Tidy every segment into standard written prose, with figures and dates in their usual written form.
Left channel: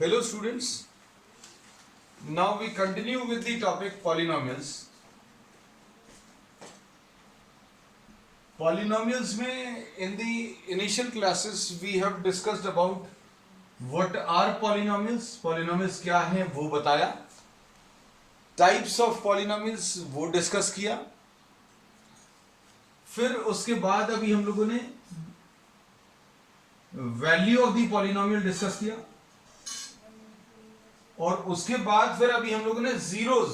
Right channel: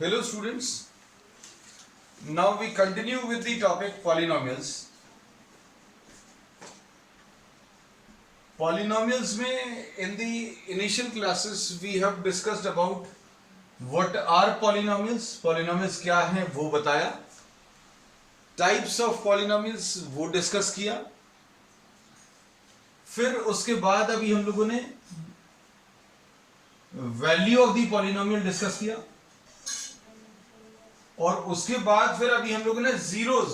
Hello students, now we continue with the topic polynomials. Polynomials में in the initial classes we have discussed about what are polynomials, polynomials क्या हैं वो बताया, types of polynomials वो discuss किया, फिर उसके बाद अभी हम लोगों ने value of the polynomial discuss किया और उसके बाद फिर अभी हम लोगों ने जीरोस,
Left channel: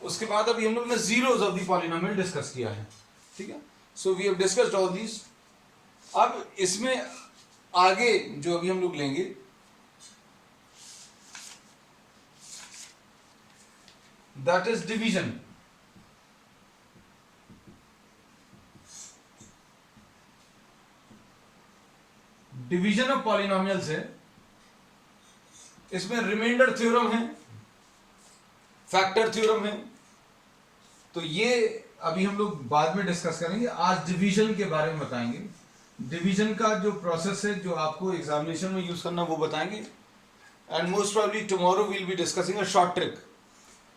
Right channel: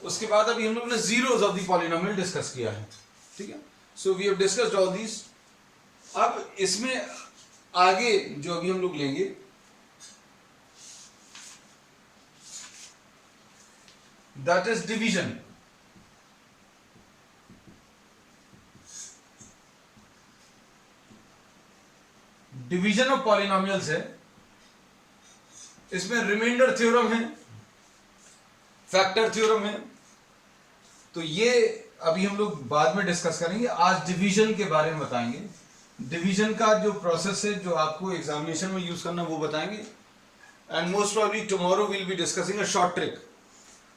उसके बाद अभी हम लोगों ने zeros of the polynomial discuss किया है. ठीक है, so we have discussed all these. अब इसमें आगे जो अभी हम लोग लेंगे that is division. Division of polynomials है. इसमें रिमाइंडर थ्योरम है, फैक्टर थ्योरम है, तो ये अभी हम लोग बाद में डिस्कस करेंगे. आज डिवीजन के बारे में बताएंगे. डिवीजन का जो प्रोसेस है जो आपको एग्जामिनेशन में यूज करना वो बताएंगे. And most probably tomorrow will be discussing a short trick.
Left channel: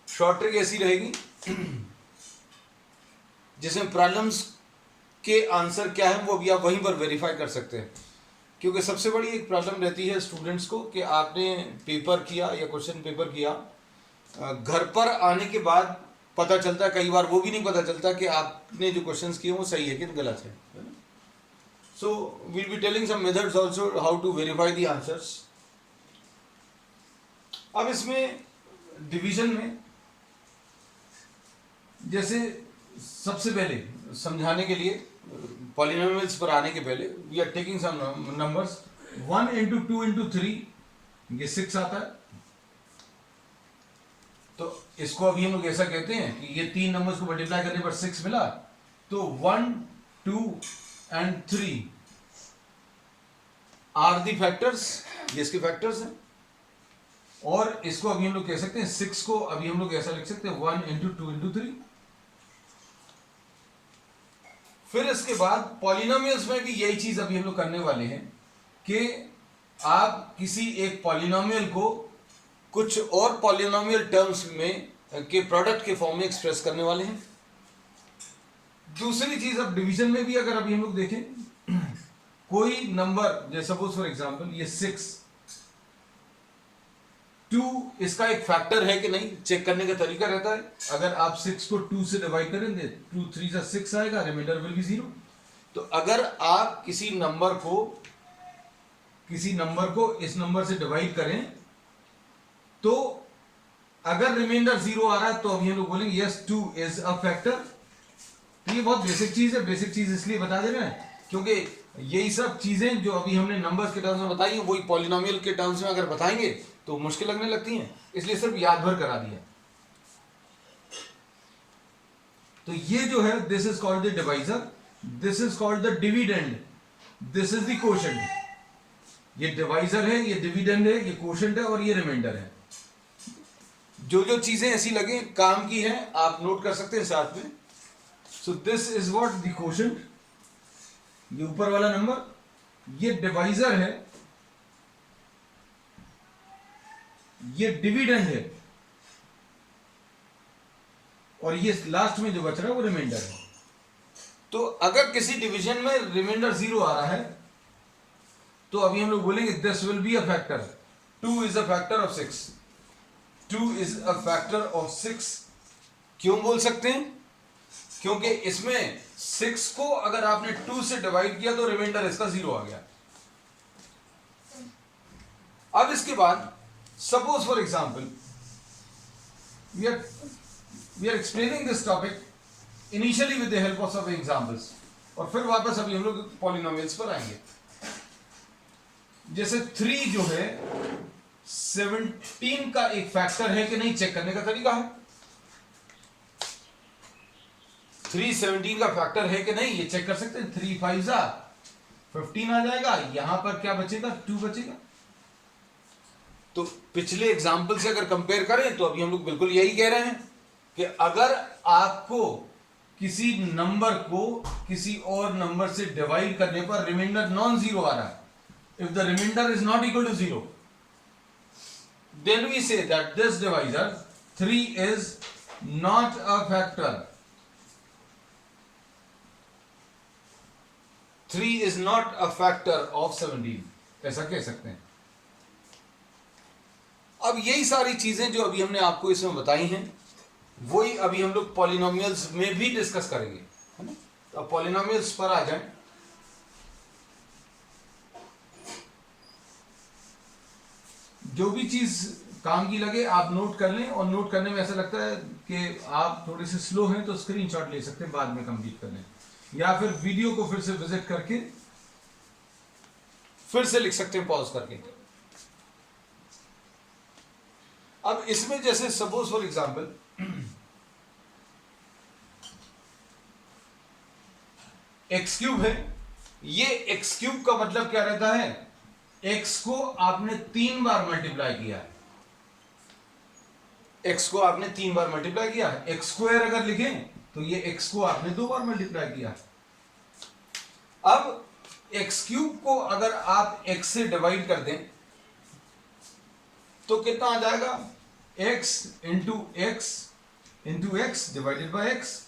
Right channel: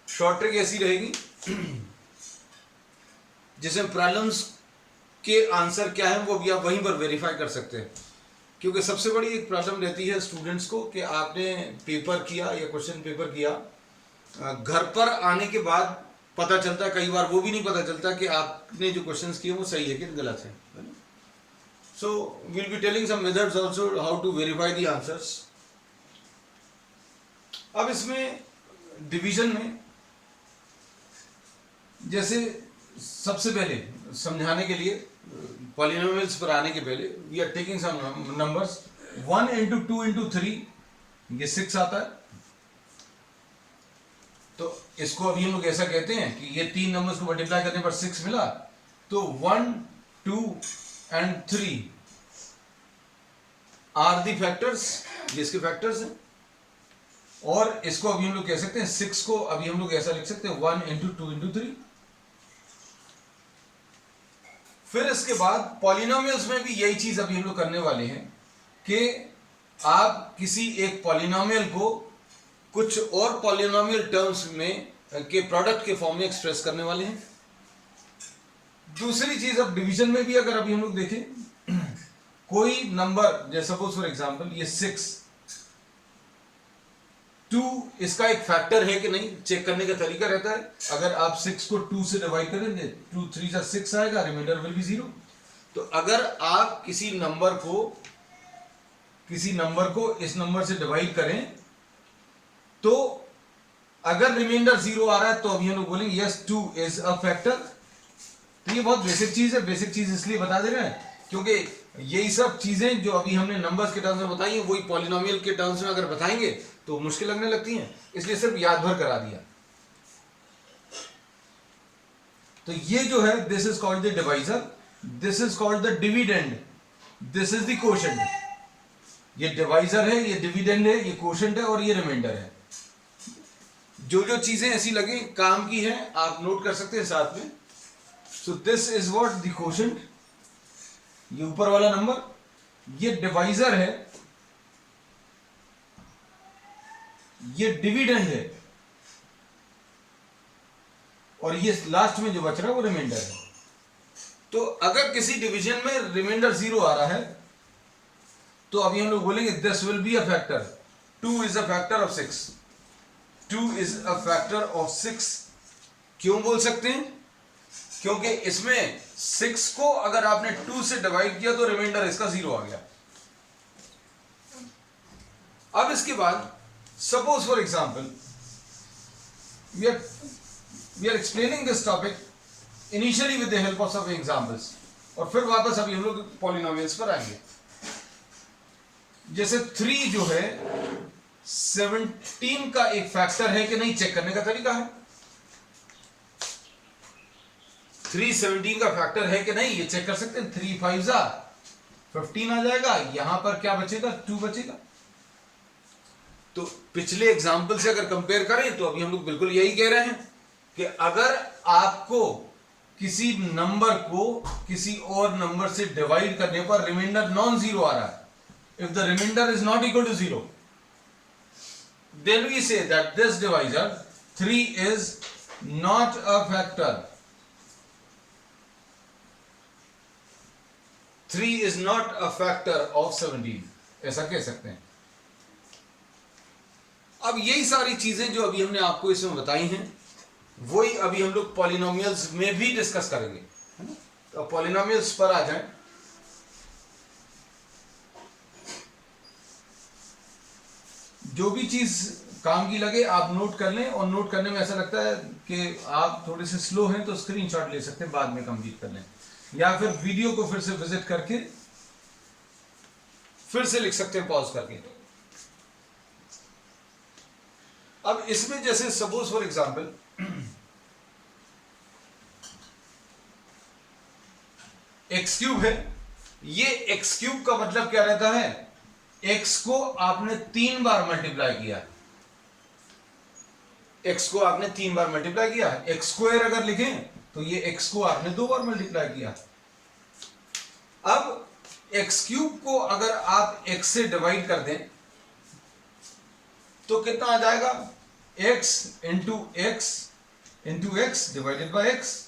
Short trick ऐसी रहेगी जिसमें प्रॉब्लम्स के आंसर क्या है वो भी आप वहीं पर वेरीफाई कर सकते हैं. क्योंकि सबसे बड़ी एक प्रॉब्लम रहती है स्टूडेंट्स को कि आपने पेपर किया या क्वेश्चन पेपर किया, घर पर आने के बाद पता चलता है, कई बार वो भी नहीं पता चलता कि आपने जो क्वेश्चंस किए वो सही है कि गलत है. So will be telling some methods also how to verify the answers. अब इसमें डिवीजन में जैसे सबसे पहले समझाने के लिए पॉलिनोमियल्स पर आने के पहले we are taking some numbers. 1 into 2 into 3 ये 6 आता है. तो इसको अभी हम लोग ऐसा कहते हैं कि ये तीन नंबर्स को मल्टीप्लाई करने पर 6 मिला, तो 1, 2 and 3 आर दी फैक्टर्स, ये इसके फैक्टर्स हैं. और इसको अभी हम लोग कह सकते हैं 6 को अभी हम लोग ऐसा लिख सकते हैं 1 into 2 into 3. फिर इसके बाद पॉलिनोमियल्स में भी यही चीज अभी हम लोग करने वाले हैं कि आप किसी एक पॉलिनोमियल को कुछ और पॉलिनोमियल टर्म्स में के प्रोडक्ट के फॉर्म में एक्सप्रेस करने वाले हैं. दूसरी चीज अब डिवीजन में भी अगर अभी हम लोग देखें कोई नंबर जैसे सपोज फॉर एग्जांपल ये 6, 2 इसका एक फैक्टर है कि नहीं चेक करने का तरीका रहता है. अगर आप 6 को 2 से डिवाइड करेंगे 2 3 जा 6 आएगा, रिमाइंडर विल बी 0. तो अगर आप किसी नंबर को इस नंबर से डिवाइड करें तो अगर रिमाइंडर 0 आ रहा है तो अभी हम लोग बोलेंगे यस 2 इज अ फैक्टर. तो ये बहुत बेसिक चीज है. बेसिक चीज इसलिए बता दे रहे हैं क्योंकि यही सब चीजें जो अभी हमने नंबर्स के टर्म्स में बताई हैं वही पॉलिनोमियल के टर्म्स में अगर बताएंगे तो मुश्किल लगने लगती हैं, इसलिए सिर्फ याद भर करा दिया. तो ये जो है this is called the divisor, this is called the dividend, this is the quotient. ये डिवाइजर है, ये डिविडेंड है, ये कोशेंट है और ये रिमाइंडर है. जो जो चीजें ऐसी लगे काम की हैं आप नोट कर सकते हैं साथ में. So this is what the quotient, ये ऊपर वाला नंबर, ये डिवाइजर है, ये डिविडेंड है और ये लास्ट में जो बच रहा है वो रिमाइंडर है. तो अगर किसी डिवीजन में रिमाइंडर 0 आ रहा है तो अभी हम लोग बोलेंगे this will be a factor. 2 is a factor of 6. 2 is a factor of 6. क्यों बोल सकते हैं? क्योंकि इसमें 6 को अगर आपने 2 से डिवाइड किया तो रिमाइंडर इसका 0 आ गया. अब इसके बाद suppose for example we are explaining this topic initially with the help of some examples और फिर वापस अभी हम लोग पॉलिनोमियल्स पर आएंगे. जैसे 3 जो है 17 का एक फैक्टर है कि नहीं चेक करने का तरीका है. 3 17 का फैक्टर है कि नहीं ये चेक कर सकते हैं. 3 5 जा 15 आ जाएगा. यहां पर क्या बचेगा? 2 बचेगा. तो पिछले एग्जाम्पल से अगर कंपेयर करें तो अभी हम लोग बिल्कुल यही कह रहे हैं कि अगर आपको किसी नंबर को किसी और नंबर से डिवाइड करने पर रिमाइंडर नॉन जीरो आ रहा है, if the remainder is not equal to zero, then we say that this divisor 3 is not a factor. 3 is not a factor of 17, ऐसा कह सकते हैं। अब यही सारी चीजें जो अभी हमने आपको इसमें बताई हैं वही अभी हम लोग पॉलिनोमियल्स में भी डिस्कस करेंगे, है ना। तो पॉलिनोमियल्स पर आ जाएं। जो भी चीज काम की लगे आप नोट कर लें, और नोट करने में ऐसा लगता है कि आप थोड़े से स्लो हैं तो स्क्रीनशॉट ले सकते हैं, बाद में कंप्लीट कर लें, या फिर वीडियो को फिर से विजिट करके फिर से लिख सकते हैं पॉज करके। अब इसमें जैसे suppose for example x cube है, ये एक्स क्यूब का मतलब क्या रहता है, एक्स को आपने 3 बार मल्टीप्लाई किया, एक्स को आपने 3 बार मल्टीप्लाई किया। एक्स स्क्वायर अगर लिखें तो ये एक्स को आपने 2 बार मल्टीप्लाई किया। अब एक्स क्यूब को अगर आप एक्स से डिवाइड कर दें तो कितना आ जाएगा, x into x divided by x,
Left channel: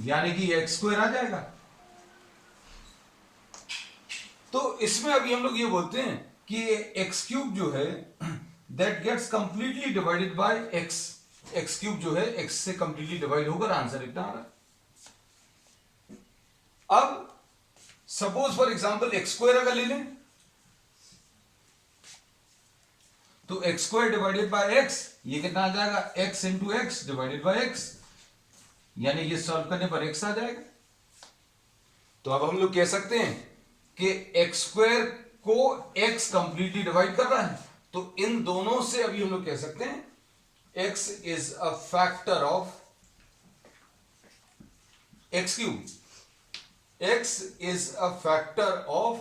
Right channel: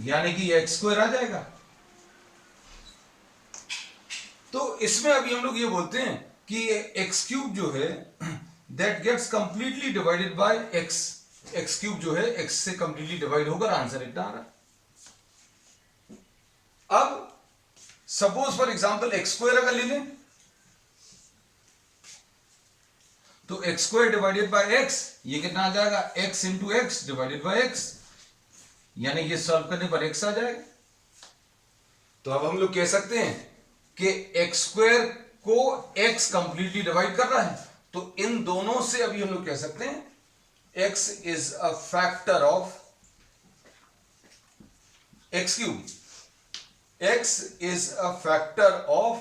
यानी कि एक्स स्क्वायर आ जाएगा। तो इसमें अभी हम लोग ये बोलते हैं कि एक्स क्यूब जो है that gets completely divided by x, x cube जो है एक्स से कंप्लीटली डिवाइड होकर आंसर इतना आ रहा है। अब suppose for example x square अगर ले लें तो x square divided by x, ये कितना आ जाएगा, x into x divided by x, यानी ये सॉल्व करने पर एक्स आ जाएगा। तो अब हम लोग कह सकते हैं कि एक्स स्क्वायर को एक्स कंप्लीटली डिवाइड कर रहा है, तो इन दोनों से अभी हम लोग कह सकते हैं x is a factor of x cube, x is a factor of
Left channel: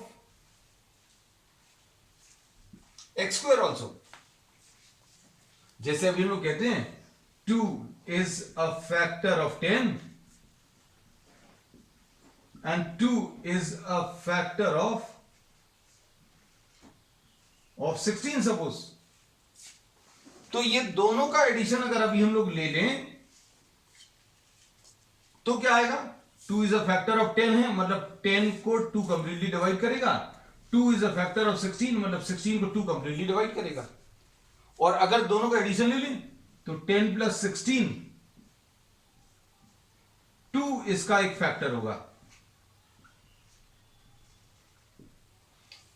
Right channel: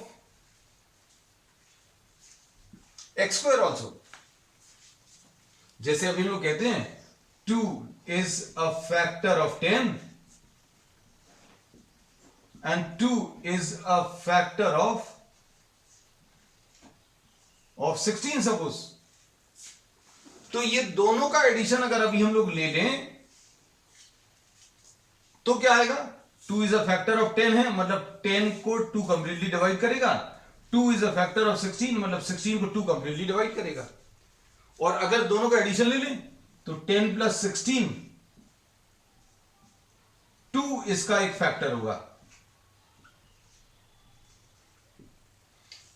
x square also। जैसे अभी हम लोग कहते हैं 2 is a factor of 10 and 2 is a factor of 16 suppose. तो ये दोनों का एडिशन अगर अभी हम लोग ले लें तो क्या आएगा, 2 इज अ फैक्टर ऑफ 10 है, मतलब 10 को 2 कंप्लीटली डिवाइड करेगा, 2 इज अ फैक्टर ऑफ 16 मतलब 16 को 2 कंप्लीटली डिवाइड करेगा। और अगर दोनों का एडिशन ले लें तो 10 प्लस 16 2 इसका एक फैक्टर होगा,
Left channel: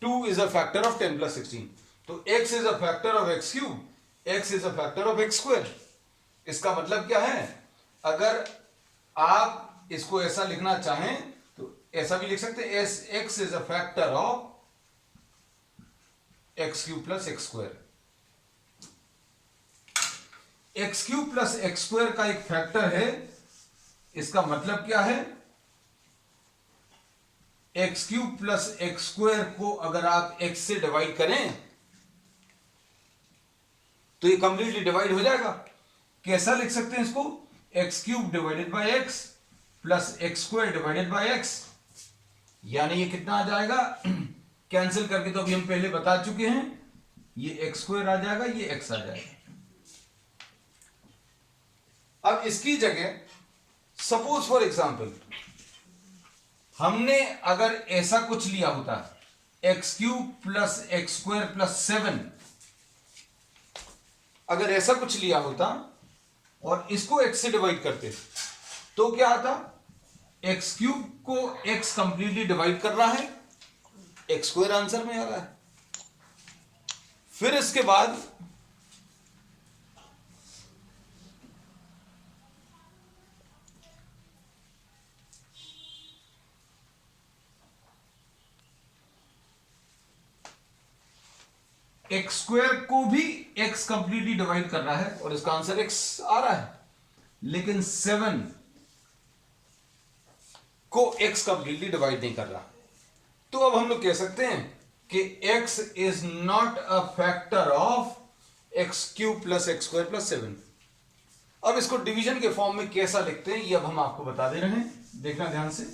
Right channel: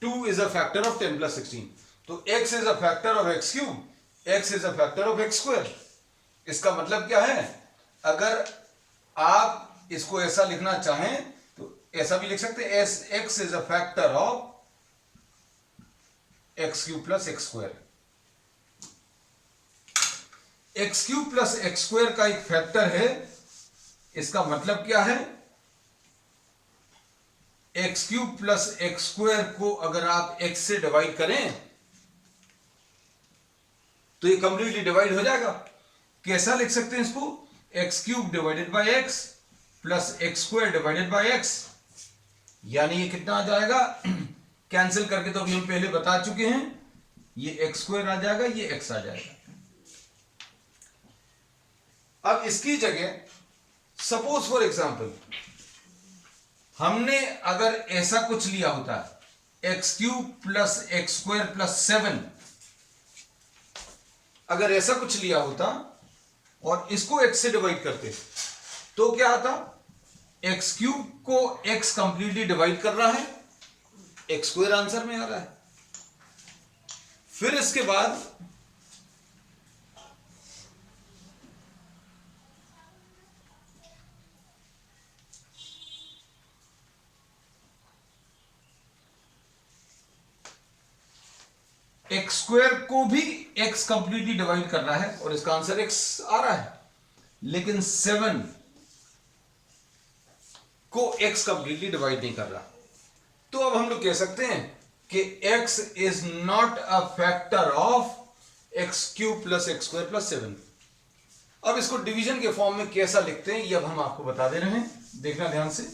2 is a factor of 10 plus 16। तो x is a factor of x cube, x is a factor of x square। इसका मतलब क्या है, अगर आप इसको ऐसा लिखना चाहें तो ऐसा भी लिख सकते हैं, x is a factor of x cube plus x square। x cube plus x square का एक फैक्टर है, इसका मतलब क्या है, x cube plus x square को अगर आप एक्स से डिवाइड करें तो ये कंप्लीटली डिवाइड हो जाएगा। कैसा लिख सकते हैं इसको, x cube divided by x plus x square divided by x, यानी ये कितना आ जाएगा, कैंसिल करके तो अभी हम पहले बता चुके हैं, ये एक्स स्क्वायर आ जाएगा, ये एक्स आ जाएगा। अब इसकी जगह सपोज फॉर एग्जांपल हमने अगर ऐसा कुछ लिया होता, x cube plus x square plus 7, अगर ऐसा कुछ लिया होता और इसको एक्स से डिवाइड करते तो क्या आता, एक्स क्यूब को एक्स कंप्लीटली डिवाइड कर रहा है, एक्स स्क्वायर आंसर में आ रहा है। फिर इसके बाद एक्स स्क्वायर को भी एक्स कंप्लीटली डिवाइड करना है और इसका आंसर एक्स आ रहा है, लेकिन 7 को एक्स कंप्लीटली डिवाइड नहीं कर रहा। तो अब हम लोग कह सकते हैं कि x is not a factor of x cube plus x square plus 7। अब इसको डिवीजन के फॉर्म में कैसा लिखते हैं ये अब हम आपको बता दे रहे हैं, देखना ध्यान से।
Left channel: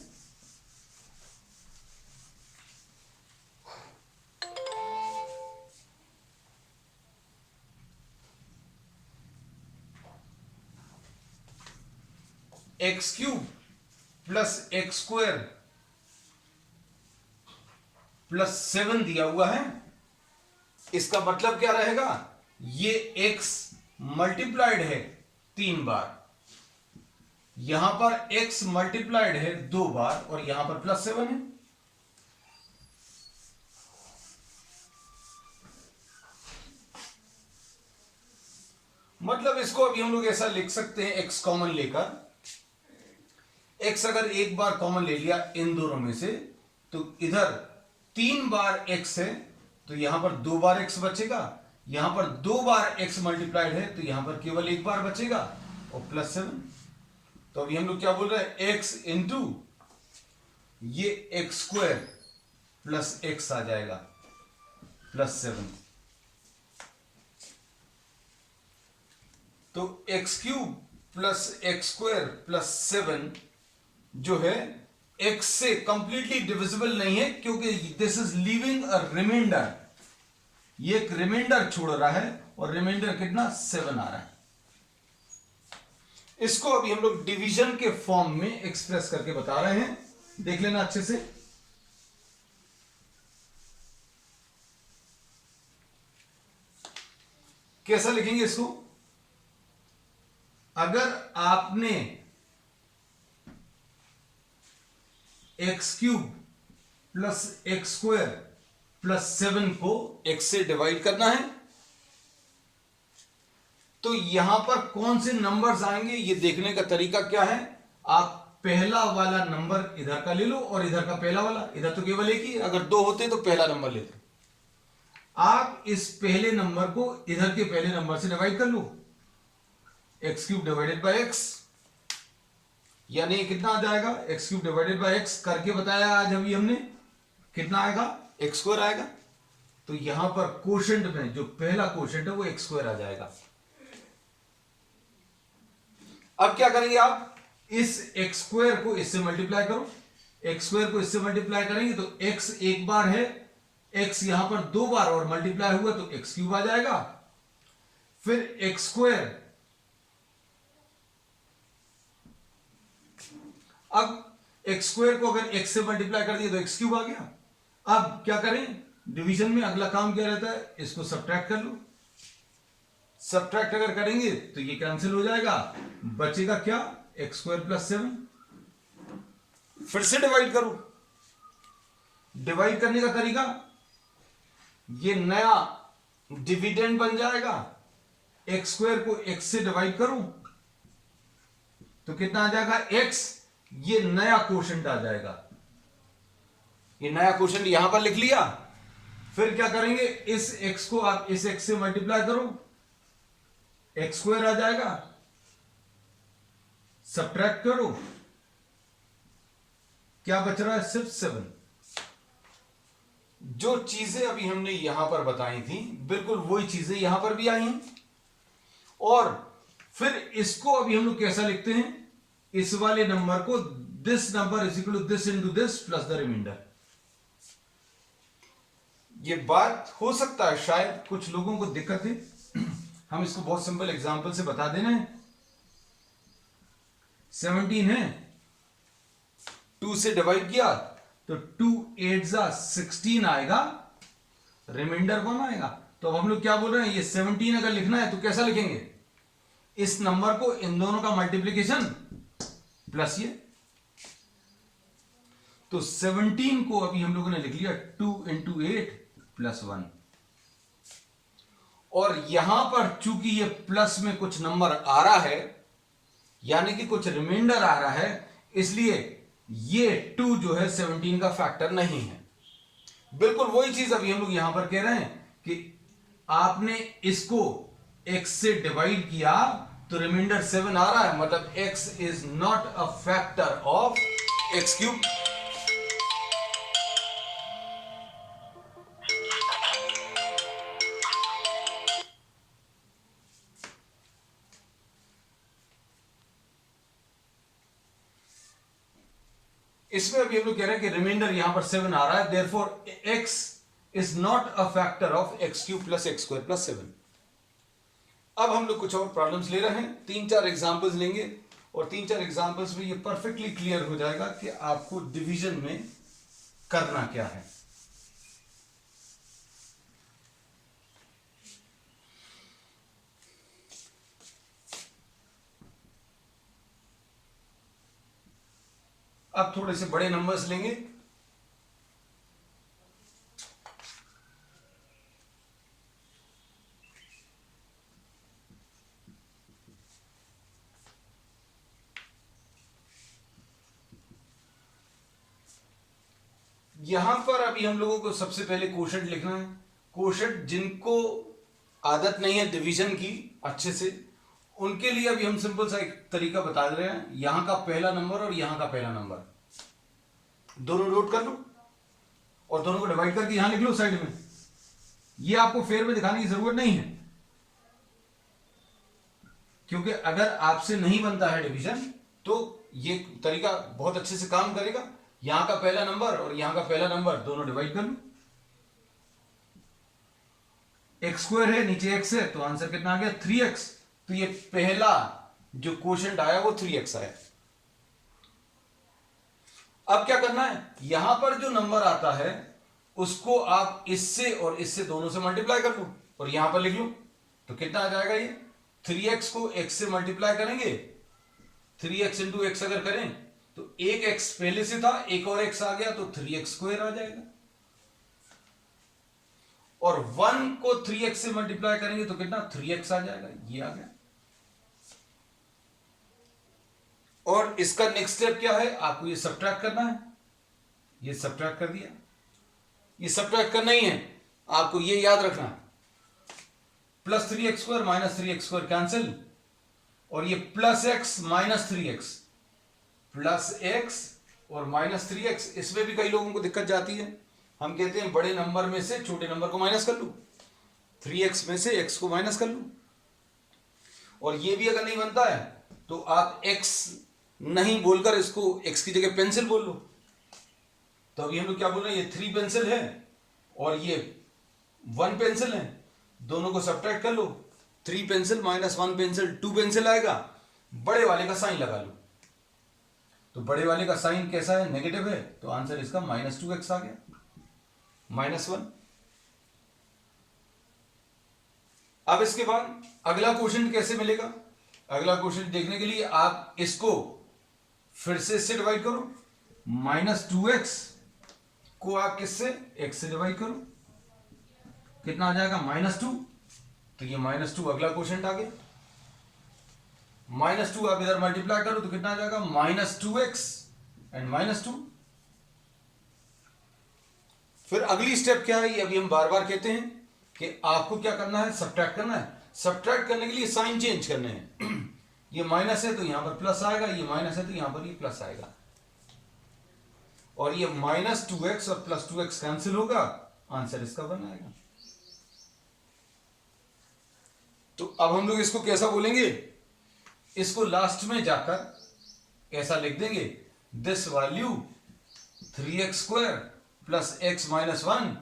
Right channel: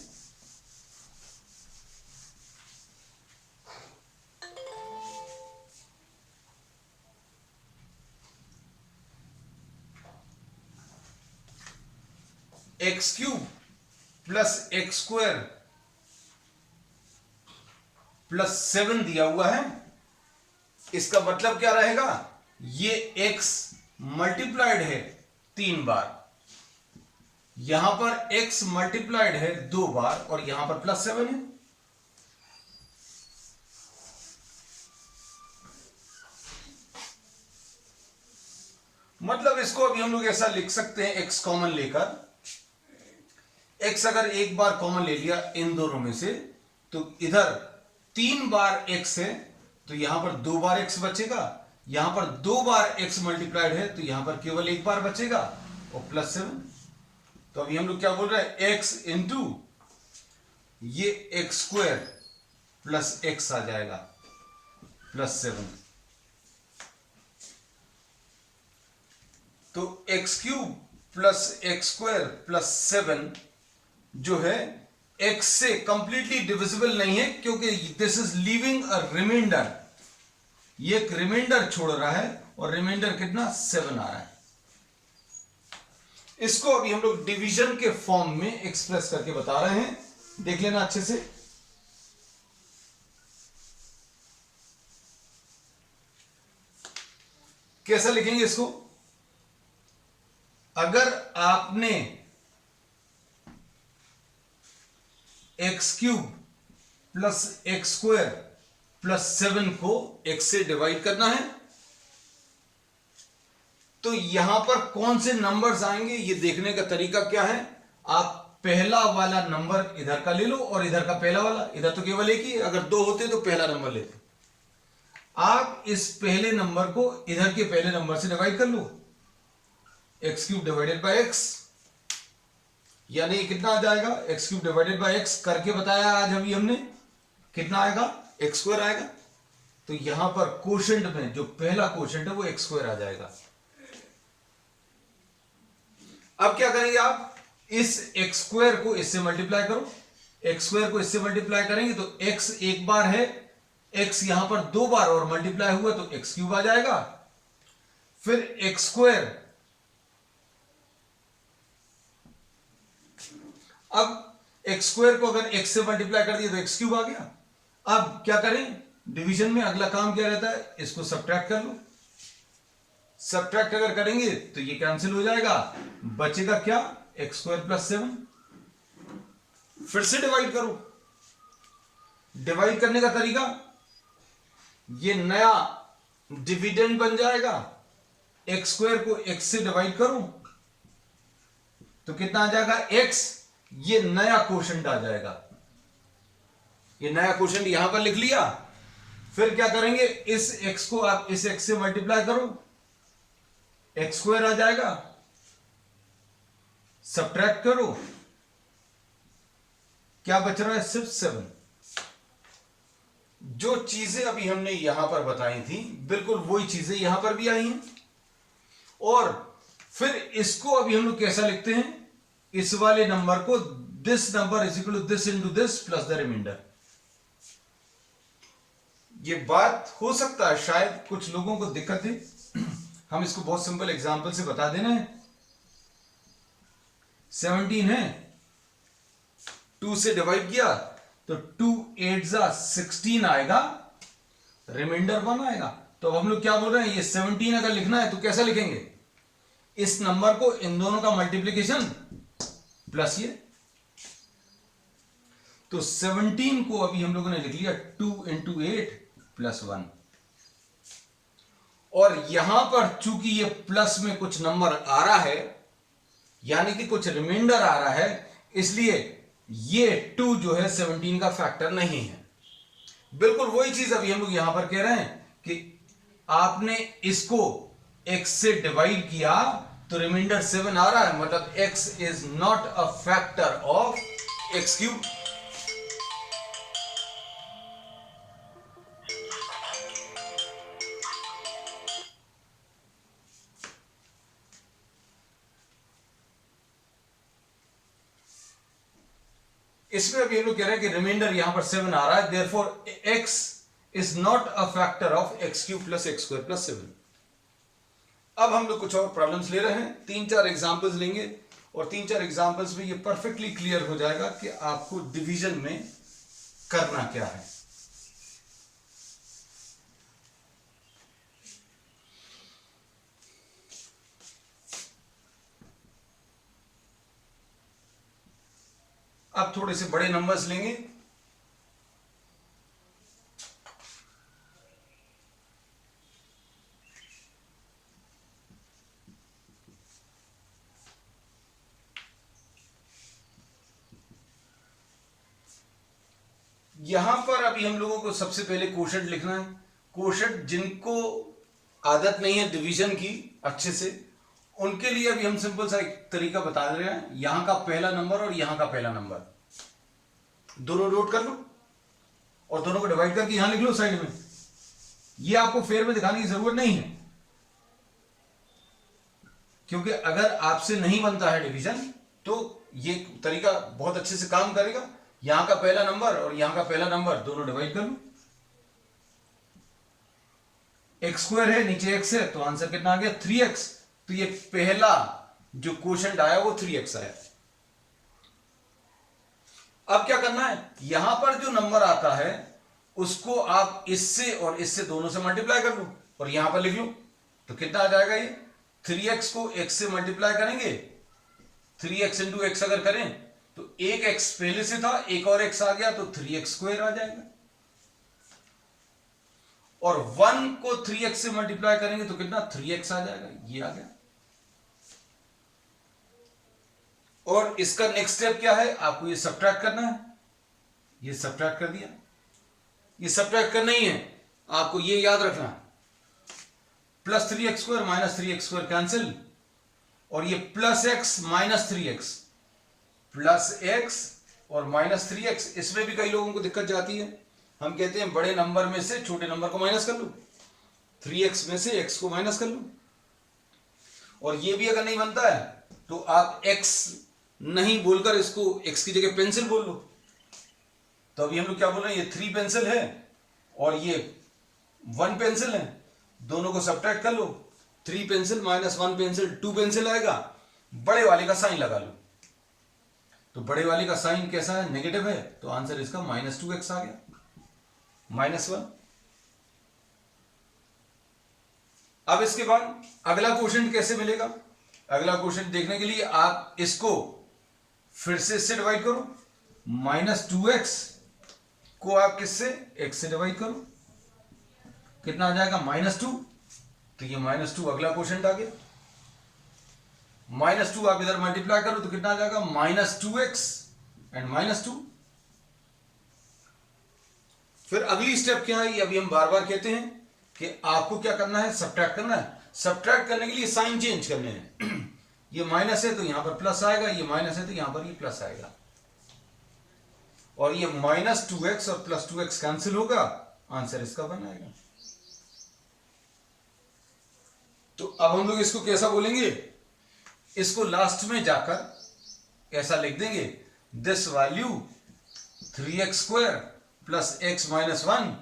X cube plus x square plus 7 दिया हुआ है। इसका मतलब क्या रहेगा, ये x मल्टीप्लाइड है 3 बार, यहां पर x मल्टीप्लाइड है 2 बार और यहां पर प्लस 7 है। मतलब इसको अभी हम लोग ऐसा लिख सकते हैं, x कॉमन लेकर, x अगर एक बार कॉमन ले लिया इन दोनों में से तो इधर 3 बार x है तो यहां पर 2 बार x बचेगा, यहां पर 2 बार x मल्टीप्लाइड है तो यहां पर केवल एक बार बचेगा और प्लस 7। तो अभी हम लोग क्या बोल रहे हैं, x इंटू ये एक्स स्क्वायर प्लस x आ जाएगा प्लस 7। तो x cube plus x square plus 7 जो है x से कंप्लीटली डिविजिबल नहीं है, क्योंकि this is leaving a remainder, ये एक रिमाइंडर छोड़ रहा है और रिमाइंडर कितना 7 आ रहा है। इसको अभी हम लोग डिवीजन के फॉर्म में एक्सप्रेस करके बता रहे हैं, देख लेना अच्छे से। कैसा लिखेंगे इसको, अगर आपने x cube plus x square plus 7 को x से डिवाइड करना है तो यहां पर कौन से नंबर्स आएंगे ये देखने का तरीका क्या है, आप पहला वाला नंबर इधर का ले लो और इधर का पहला वाला, इधर तो केवल एक ही है, अगर 2 होते तो पहला नंबर लेते। आप इस पहले नंबर को इधर के पहले नंबर से डिवाइड कर लो, x cube divided by x, यानी कितना आ जाएगा, x cube divided by x करके बताया आज अभी हमने, कितना आएगा एक्स स्क्वायर आएगा। तो यहां पर कोशेंट में जो पहला कोशेंट है वो एक्स स्क्वायर आ जाएगा। अब क्या करेंगे आप, इस एक्स स्क्वायर को इससे मल्टीप्लाई करो, एक्स स्क्वायर को इससे मल्टीप्लाई करेंगे तो एक्स एक बार है, एक्स यहां पर 2 बार और मल्टीप्लाई हुआ तो एक्स क्यूब आ जाएगा, फिर एक्स स्क्वायर, अब एक्स स्क्वायर को अगर एक्स से मल्टीप्लाई कर दिया तो एक्स क्यूब आ गया। अब क्या करें, डिवीजन में अगला काम क्या रहता है, इसको सब्ट्रैक्ट कर लो, सब्ट्रैक्ट अगर करेंगे तो ये कैंसिल हो जाएगा, बचेगा क्या एक्स स्क्वायर प्लस 7, फिर से डिवाइड करो। डिवाइड करने का तरीका, ये नया डिविडेंड बन जाएगा, एक्स स्क्वायर को एक्स से डिवाइड करो तो कितना आ जाएगा एक्स, ये नया क्वोशंट आ जाएगा, ये नया क्वोशंट यहां पर लिख लिया। फिर क्या करेंगे, इस x को आप इस x से मल्टीप्लाई करो, एक्स स्क्वायर आ जाएगा, सब्ट्रैक्ट करो, क्या बच रहा है सिर्फ 7। जो चीजें अभी हमने यहां पर बताई थी बिल्कुल वही चीजें यहां पर भी आई हैं। और फिर इसको अभी हम लोग कैसा लिखते हैं, इस वाले नंबर को this number is equal to this into this plus the remainder. ये बात हो सकता है शायद कुछ लोगों को दिक्कत है, हम इसको बहुत सिंपल एग्जांपल से बता देना है। 17 है, 2 से डिवाइड किया तो 2 8 जा 16 आएगा, रिमाइंडर 1 आएगा। तो अब हम लोग क्या बोल रहे हैं, ये 17 अगर लिखना है तो कैसा लिखेंगे, इस नंबर को इन दोनों का मल्टीप्लीकेशन प्लस ये, तो 17 को अभी हम लोगों ने लिख लिया 2 इंटू 8 प्लस 1। और यहां पर चूंकि ये प्लस में कुछ नंबर आ रहा है यानी कि कुछ रिमाइंडर आ रहा है, इसलिए ये 2 जो है 17 का फैक्टर नहीं है। बिल्कुल वही चीज अभी हम लोग यहां पर कह रहे हैं कि आपने इसको x से डिवाइड किया तो रिमाइंडर 7 आ रहा है, मतलब x is not a factor of x cube. इसमें अभी हम लोग कह रहे हैं कि रिमाइंडर यहां पर 7 आ रहा है, therefore x is not a factor of x cube plus x square plus 7। अब हम लोग कुछ और प्रॉब्लम्स ले रहे हैं, 3-4 एग्जांपल्स लेंगे और 3-4 एग्जांपल्स में ये परफेक्टली क्लियर हो जाएगा कि आपको डिवीजन में करना क्या है। अब थोड़े से बड़े नंबर्स लेंगे। यहां पर अभी हम लोगों को सबसे पहले कोशेंट लिखना है। कोशेंट जिनको आदत नहीं है डिवीजन की अच्छे से, उनके लिए अभी हम सिंपल सा एक तरीका बता दे रहे हैं। यहां का पहला नंबर और यहां का पहला नंबर दोनों नोट कर लो और दोनों को डिवाइड करके यहां लिख लो साइड में। ये आपको फेयर में दिखाने की जरूरत नहीं है, क्योंकि अगर आपसे नहीं बनता है डिवीजन तो ये तरीका बहुत अच्छे से काम करेगा। यहां का पहला नंबर और यहां का पहला नंबर दोनों डिवाइड कर लो। एक्स स्क्वायर है, नीचे एक्स है, तो आंसर कितना आ गया 3x। तो ये पहला जो क्वोशंट आया वो 3x आया। अब क्या करना है, यहां पर जो नंबर आता है उसको आप इससे और इससे दोनों से मल्टीप्लाई कर लो और यहां पर लिख लो। तो कितना आ जाएगा, ये 3x को x से मल्टीप्लाई करेंगे, 3x इंटू एक्स अगर करें तो एक x पहले से था, एक और x आ गया तो 3x स्क्वायर आ जाएगा। और 1 को 3x से मल्टीप्लाई करेंगे तो कितना 3x आ जाएगा, ये आ गया। और इसका नेक्स्ट स्टेप क्या है, आपको ये सब्ट्रैक्ट करना है। ये सब्ट्रैक्ट कर दिया, ये सब्ट्रैक्ट करना ही है, आपको ये याद रखना है। Plus 3x square minus 3x square cancel, और ये plus x minus 3x, plus x और माइनस 3x। इसमें भी कई लोगों को दिक्कत जाती है, हम कहते हैं बड़े नंबर में से छोटे नंबर को माइनस कर लो, 3x में से x को माइनस कर लो। और ये भी अगर नहीं बनता है तो आप x नहीं बोलकर इसको x की जगह पेंसिल बोल लो। तो अभी हम लोग क्या बोल रहे हैं, ये 3 पेंसिल है और ये 1 पेंसिल है, दोनों को सब्ट्रैक्ट कर लो। 3 पेंसिल माइनस 1 पेंसिल 2 पेंसिल आएगा। बड़े वाले का साइन लगा लो, तो बड़े वाले का साइन कैसा है, नेगेटिव है, तो आंसर इसका -2x आ गया, -1। अब इसके बाद अगला क्वेश्चन कैसे मिलेगा, अगला क्वेश्चन देखने के लिए आप इसको फिर से इससे डिवाइड करो। -2x को आप किससे, x से डिवाइड करो, कितना आ जाएगा -2। तो ये -2 अगला क्वेश्चन आ गया। -2 आप इधर मल्टीप्लाई करो तो कितना आ जाएगा -2x एंड -2। फिर अगली स्टेप क्या है, ये अभी हम बार बार कहते हैं कि आपको क्या करना है, सब्ट्रैक्ट करना है। सब्ट्रैक्ट करने के लिए साइन चेंज करने हैं। ये माइनस है तो यहां पर प्लस आएगा, ये माइनस है तो यहां पर ये प्लस आएगा, और ये -2x और +2x कैंसिल होगा, आंसर इसका बन आएगा। तो अब हम लोग इसको कैसा बोलेंगे, इसको लास्ट में जाकर ऐसा लिख देंगे, this value 3x square plus x minus 1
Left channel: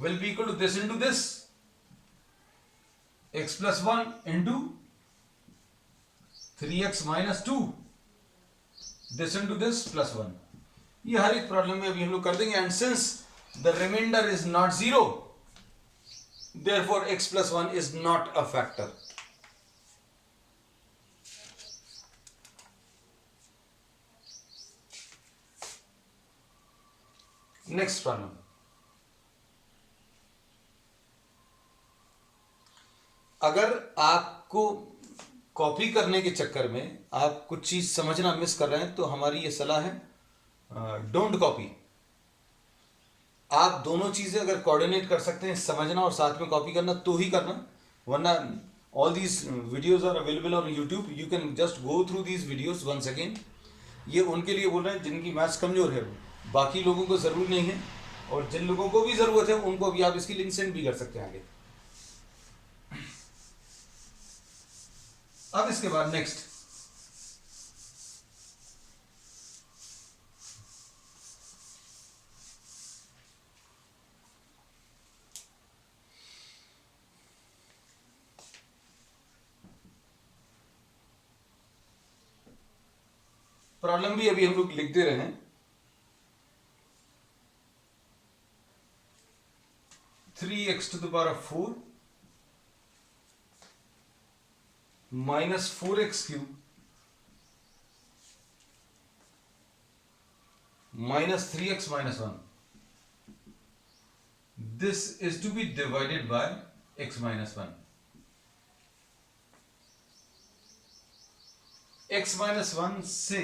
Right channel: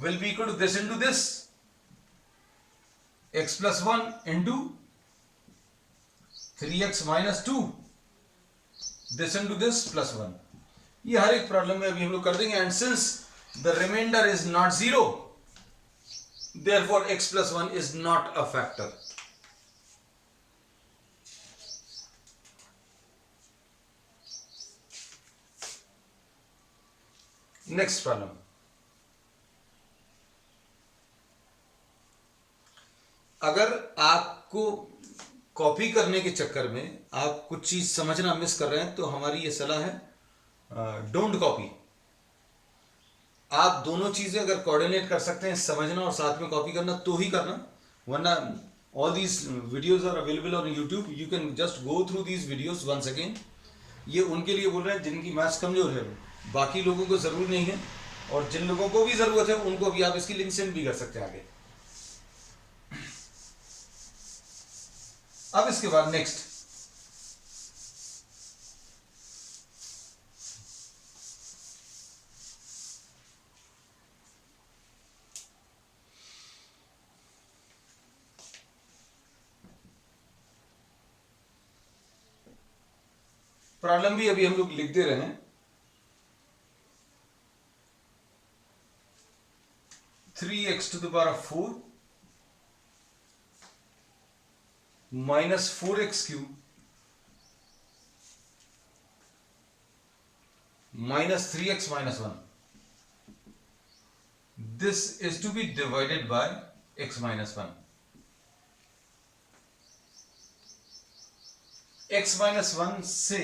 will be equal to this into this, x plus 1 into 3x minus 2, this into this plus 1। ये हर एक प्रॉब्लम में अभी हम लोग कर देंगे। And since the remainder is not 0, therefore x plus 1 is not a factor। Next problem, अगर आपको कॉपी करने के चक्कर में आप कुछ चीज समझना मिस कर रहे हैं तो हमारी ये सलाह है, डोंट कॉपी। आप दोनों चीजें अगर कोऑर्डिनेट कर सकते हैं, समझना और साथ में कॉपी करना, तो ही करना, वरना all these videos are available on YouTube, you can just go through these videos once again. ये उनके लिए बोल रहे हैं जिनकी मैथ्स कमजोर है, बाकी लोगों को जरूरी नहीं है, और जिन लोगों को भी जरूरत है उनको भी आप इसकी लिंक सेंड भी कर सकते हैं आगे। अब इसके बाद नेक्स्ट, प्रॉब्लम भी अभी हम लोग लिखते रहे हैं। 3x to the power of 4 minus 4x cube minus 3x minus 1. This is to be divided by x minus 1. x minus 1 से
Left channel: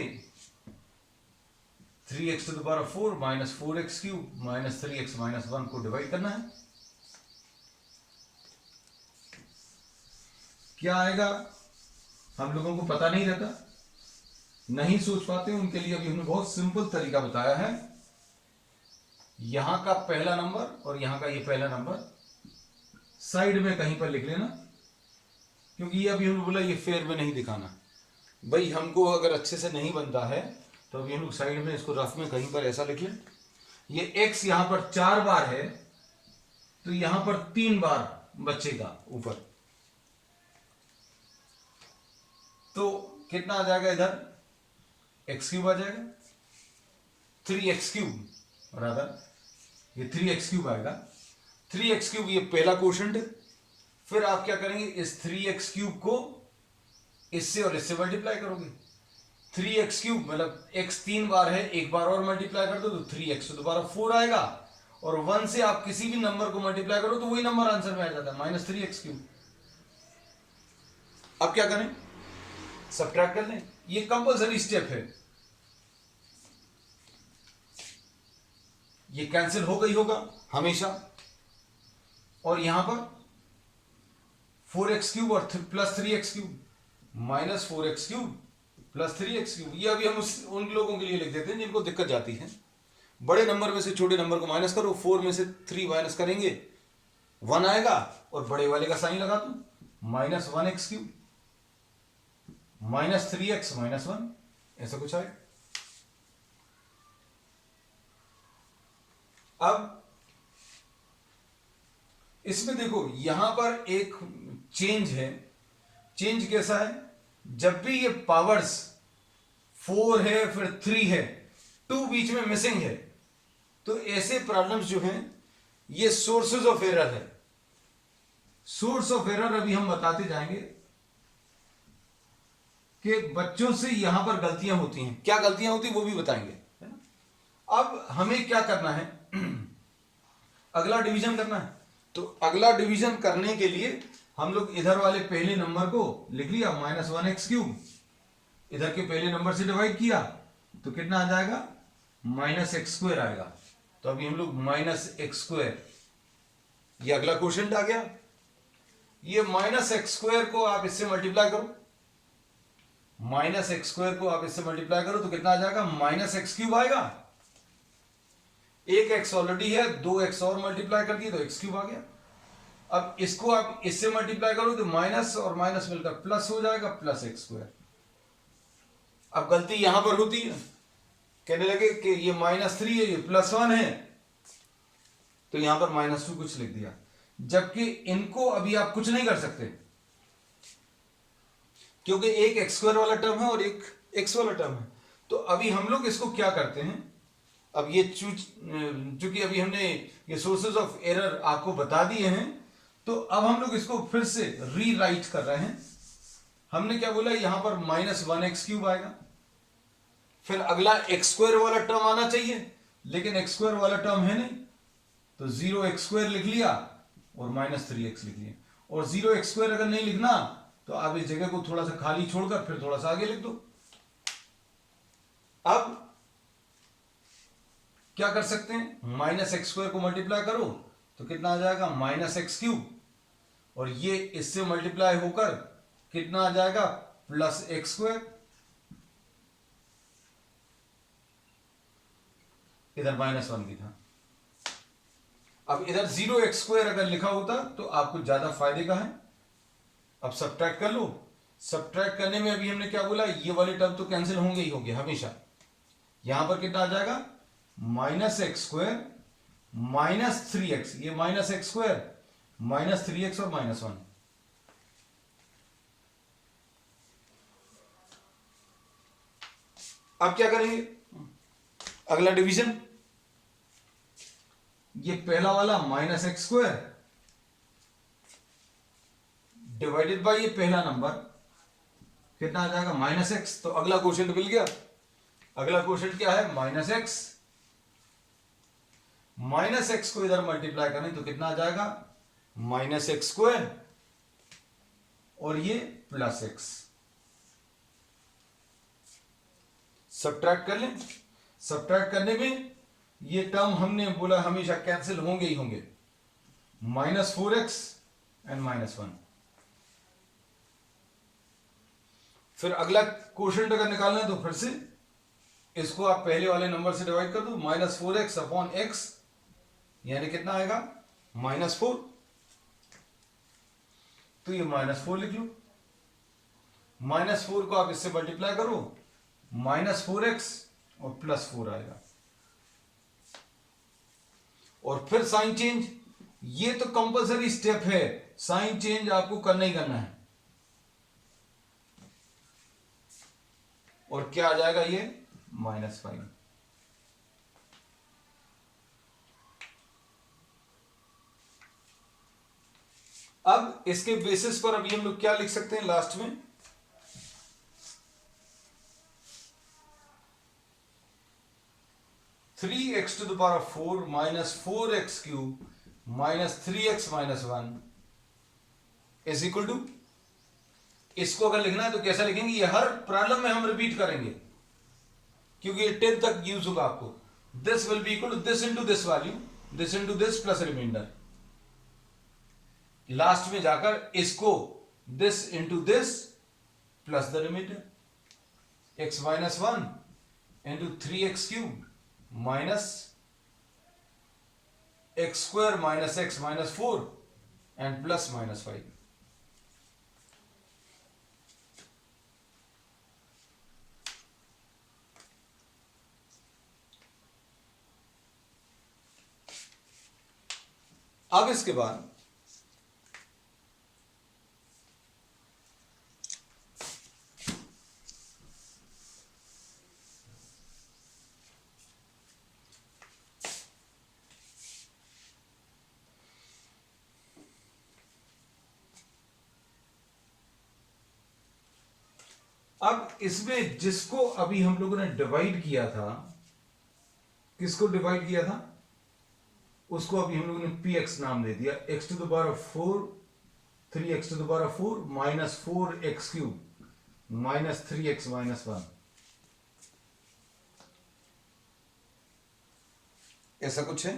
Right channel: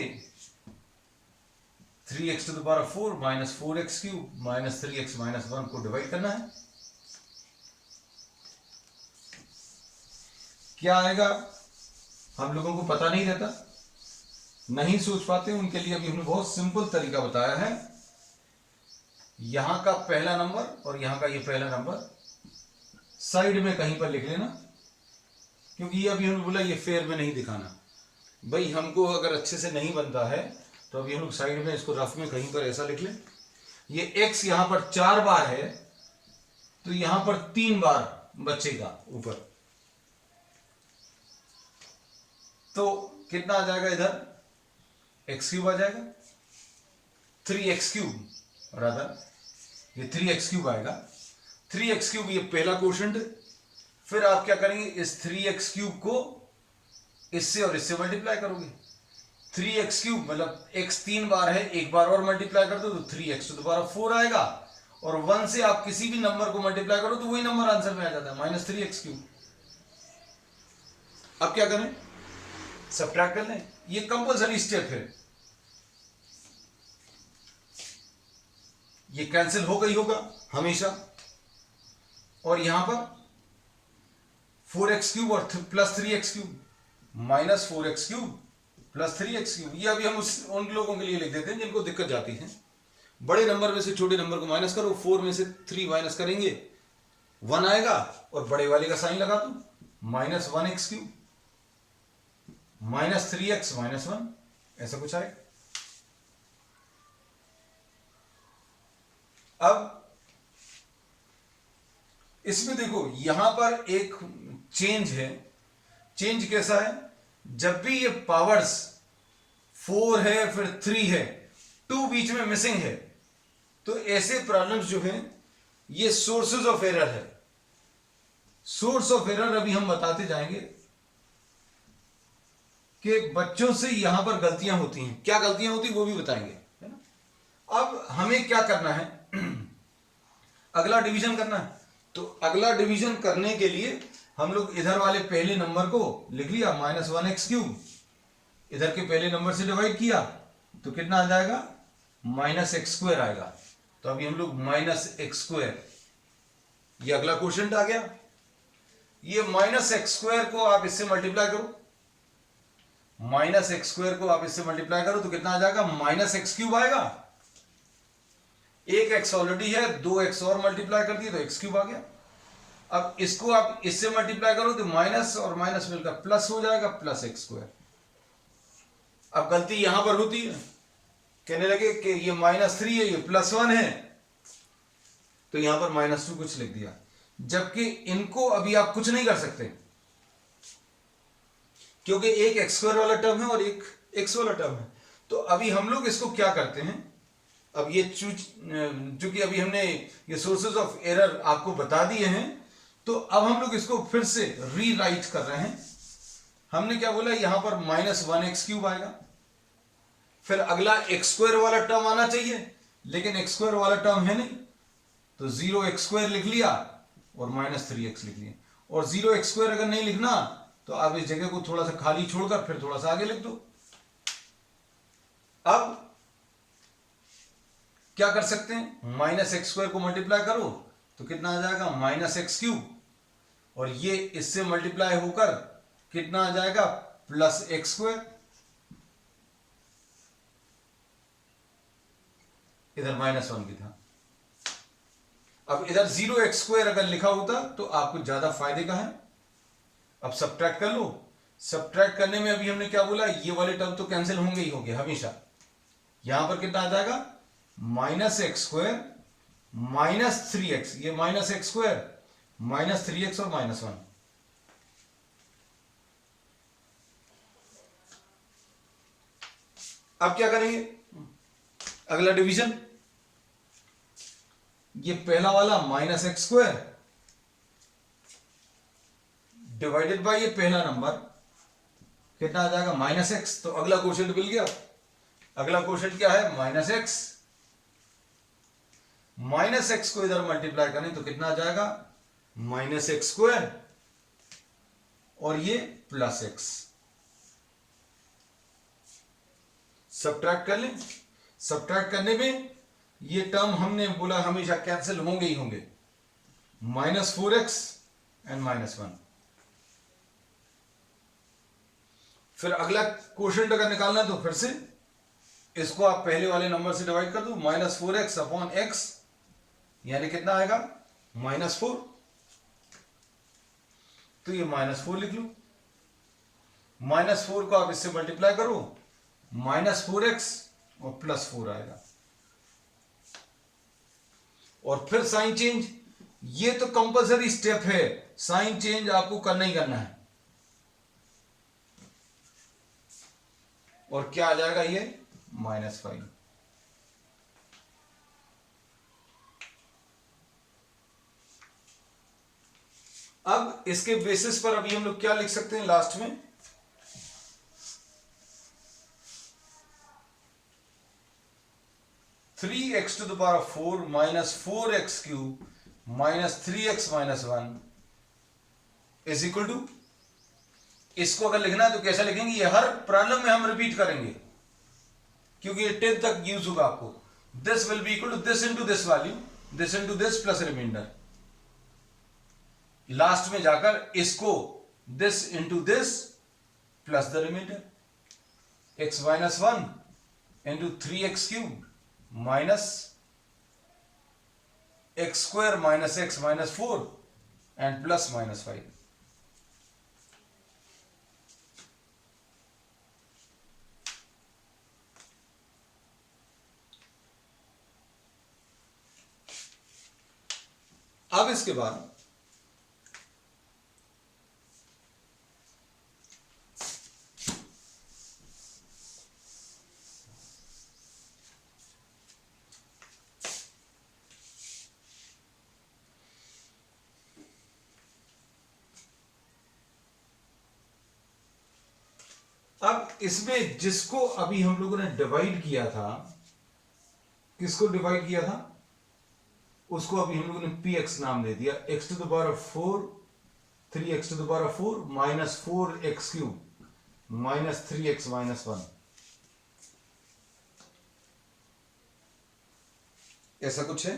3x to the power of 4 minus 4x cube minus 3x minus 1 को divide करना है। क्या आएगा हम लोगों को पता नहीं रहता, नहीं सोच पाते, उनके लिए अभी हमने बहुत सिंपल तरीका बताया है। यहां का पहला नंबर और यहां का ये पहला नंबर साइड में कहीं पर लिख लेना, क्योंकि ये अभी हमने बोला ये फेयर में नहीं दिखाना। भाई हमको अगर अच्छे से नहीं बनता है तो अभी हम लोग साइड में इसको रफ में कहीं पर ऐसा लिख लें। ये x यहां पर 4 बार है तो यहां पर 3 बार बचेगा ऊपर, तो कितना आ जाएगा इधर एक्स क्यूब आ जाएगा, 3x क्यूब रादर ये 3x क्यूब आएगा। 3x क्यूब ये पहला क्वोशंट है। फिर आप क्या करेंगे, इस 3x क्यूब को इससे और इससे मल्टीप्लाई करोगे। 3x क्यूब मतलब x 3 बार है, एक बार और मल्टीप्लाई कर दो तो 3x to the power of 4 आएगा, और 1 से आप किसी भी नंबर को मल्टीप्लाई करो तो वही नंबर आंसर में आ जाता है, माइनस 3x क्यूब। अब क्या करें, सब्ट्रैक्ट कर लें, ये कंपल्सरी स्टेप है, ये कैंसिल होगा ही होगा हमेशा। और यहां पर 4x क्यूब और plus 3x cube minus 4x cube plus 3x cube, ये अभी हम उन लोगों के लिए लिख देते हैं जिनको दिक्कत जाती है। बड़े नंबर में से छोटे नंबर को माइनस करो, 4 में से 3 माइनस करेंगे 1 आएगा, और बड़े वाले का साइन लगा दो, minus 1x cube minus 3x minus 1, ऐसा कुछ आएगा। अब इसमें देखो यहां पर एक चेंज है। चेंज कैसा है, जब भी ये पावर्स 4 है फिर 3 है, 2 बीच में मिसिंग है, तो ऐसे प्रॉब्लम्स जो हैं ये सोर्सेज ऑफ एरर है। सोर्स ऑफ एरर अभी हम बताते जाएंगे कि बच्चों से यहां पर गलतियां होती हैं, क्या गलतियां होती वो भी बताएंगे, है ना। अब हमें क्या करना है, अगला डिवीजन करना है। तो अगला डिवीजन करने के लिए हम लोग इधर वाले पहले नंबर को लिख लिया, माइनस 1x क्यूब, इधर के पहले नंबर से डिवाइड किया तो कितना आ जाएगा, माइनस एक्स स्क्वायर आएगा। तो अभी हम लोग माइनस एक्स स्क्वायर, ये अगला क्वोशिएंट आ गया। ये माइनस एक्स स्क्वायर को आप इससे मल्टीप्लाई करो, माइनस एक्स स्क्वायर को आप इससे मल्टीप्लाई करो तो कितना आ जाएगा, माइनस एक्स क्यूब आएगा। एक एक्स ऑलरेडी है, 2x और मल्टीप्लाई कर दिए तो एक्स क्यूब आ गया। अब इसको आप इससे मल्टीप्लाई करो तो माइनस और माइनस मिलकर प्लस हो जाएगा, प्लस एक्स स्क्वायर। अब गलती यहां पर होती है, कहने लगे कि ये -3 है, ये +1 है, तो यहां पर -2 कुछ लिख दिया, जबकि इनको अभी आप कुछ नहीं कर सकते क्योंकि एक एक्स स्क्वायर वाला टर्म है और एक एक्स वाला टर्म है। तो अभी हम लोग इसको क्या करते हैं, अब ये चूंकि अभी हमने ये सोर्सेज ऑफ एरर आपको बता दिए हैं, तो अब हम लोग इसको फिर से रीराइट कर रहे हैं। हमने क्या बोला, यहां पर -1x क्यूब आएगा, फिर अगला एक्स स्क्वायर वाला टर्म आना चाहिए, लेकिन एक्स स्क्वायर वाला टर्म है नहीं, तो 0x स्क्वायर लिख लिया और -3x लिख लिया। और 0x स्क्वायर अगर नहीं लिखना तो आप इस जगह को थोड़ा सा खाली छोड़कर फिर थोड़ा सा आगे लिख दो। अब क्या कर सकते हैं, -x स्क्वायर को मल्टीप्लाई करो तो कितना आ जाएगा, -x क्यूब, और ये इससे मल्टीप्लाई होकर कितना आ जाएगा, +x स्क्वायर। इधर -1 भी था। अब इधर 0x स्क्वायर अगर लिखा होता तो आपको ज्यादा फायदे का है। अब सब्ट्रैक्ट कर लो, सब्ट्रैक्ट करने में अभी हमने क्या बोला, ये वाले टर्म तो कैंसिल होंगे ही होंगे हमेशा। यहां पर कितना आ जाएगा, -x स्क्वायर -3x, ये -x स्क्वायर -3x और -1। अब क्या करेंगे, अगला डिवीजन, ये पहला वाला minus x square divided by ये पहला नंबर कितना आ जाएगा माइनस एक्स, तो अगला क्वोशिएंट मिल गया। अगला क्वोशिएंट क्या है माइनस एक्स, माइनस एक्स को इधर मल्टीप्लाई करें तो कितना आ जाएगा माइनस एक्स स्क्वायर और ये प्लस एक्स, सब्ट्रैक्ट कर लें। सब्ट्रैक्ट करने में ये टर्म हमने बोला हमेशा कैंसिल होंगे ही होंगे, माइनस 4x एंड माइनस 1। फिर अगला क्वोशिएंट अगर निकालना है तो फिर से इसको आप पहले वाले नंबर से डिवाइड कर दो, माइनस 4x अपॉन एक्स, यानी कितना आएगा -4, तो ये -4 लिख लो। -4 को आप इससे मल्टीप्लाई करो, -4x और +4 आएगा। और फिर साइन चेंज, ये तो कंपलसरी स्टेप है, साइन चेंज आपको करना ही करना है। और क्या आ जाएगा ये -5। अब इसके बेसिस पर अभी हम लोग क्या लिख सकते हैं लास्ट में, three x to the power of 4 minus 4x cube minus 3x minus 1 is equal to, इसको अगर लिखना है तो कैसा लिखेंगे, ये हर प्रॉब्लम में हम रिपीट करेंगे क्योंकि ये 10 तक यूज होगा आपको। This will be equal to this into this value, this into this plus remainder. Last में जाकर इसको this into this plus the remainder, x minus 1 into 3x cube minus x square minus x minus 4 and plus -5। अब इसके बाद अब इसमें जिसको अभी हम लोगों ने डिवाइड किया था, किसको डिवाइड किया था, उसको अभी हम लोगों ने px नाम दे दिया, x to the power of 4 3x to the power of 4 minus 4x cube minus 3x minus 1, ऐसा कुछ है।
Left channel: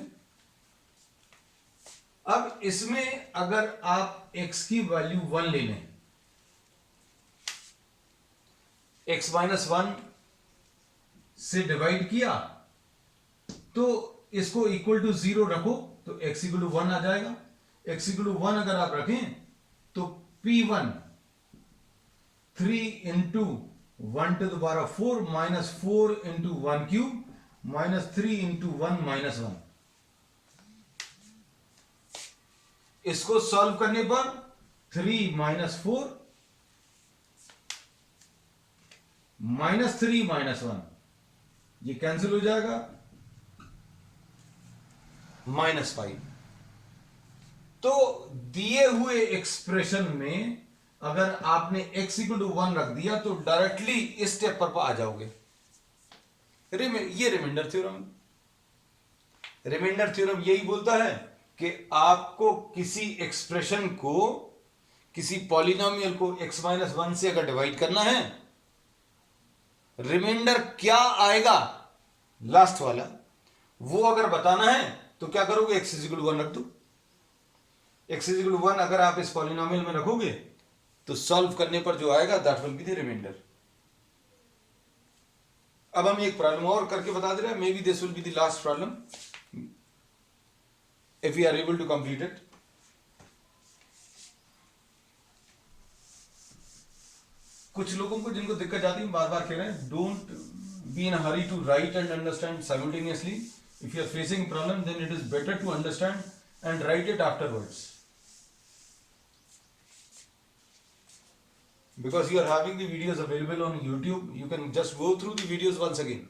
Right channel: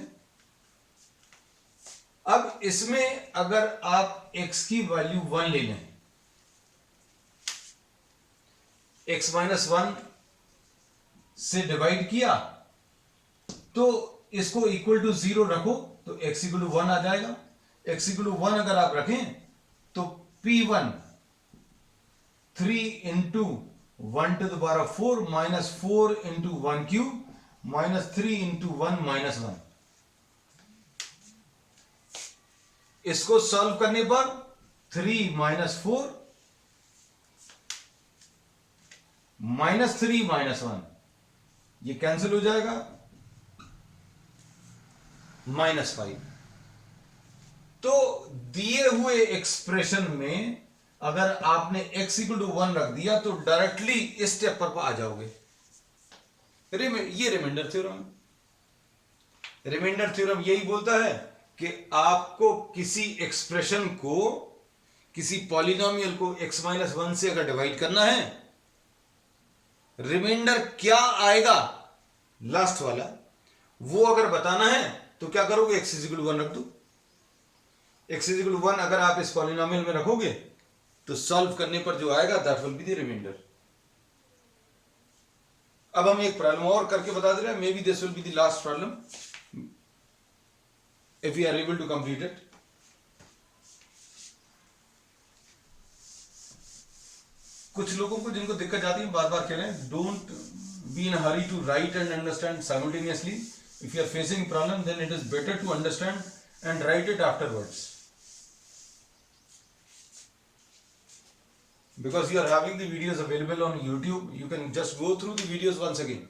अब इसमें अगर आप x की वैल्यू 1 ले लें, x माइनस 1 से डिवाइड किया तो इसको इक्वल टू 0 रखो तो x इक्वल टू 1 आ जाएगा। x इक्वल टू 1 अगर आप रखें तो p1 3 into 1 to the power of 4 minus 4 into 1 cube minus 3 into 1 minus 1। इसको सॉल्व करने पर 3 माइनस 4 माइनस 3 माइनस 1 ये कैंसिल हो जाएगा, -5। तो दिए हुए एक्सप्रेशन में अगर आपने x इक्वल टू 1 रख दिया तो डायरेक्टली इस स्टेप पर आ जाओगे। ये रिमाइंडर थ्योरम है। रिमाइंडर थ्योरम यही बोलता है कि आपको किसी एक्सप्रेशन को, किसी पॉलिनोमियल को x माइनस 1 से अगर डिवाइड करना है, रिमाइंडर क्या आएगा लास्ट वाला वो अगर बताना है तो क्या करोगे, x इक्वल टू 1 रख दो। x इक्वल टू 1 अगर आप इस पॉलिनोमियल में रखोगे तो सॉल्व करने पर जो आएगा that will be the remainder. अब हम एक प्रॉब्लम और करके बता दे रहे हैं, maybe this will be the last problem if we are able to complete it. कुछ लोगों को जिनको दिक्कत जाती है बार बार कह रहे हैं, don't be in hurry to write and understand simultaneously. If you are facing problem then it is better to understand and write it afterwards. because you are having the videos available on YouTube, you can just go through the videos once again.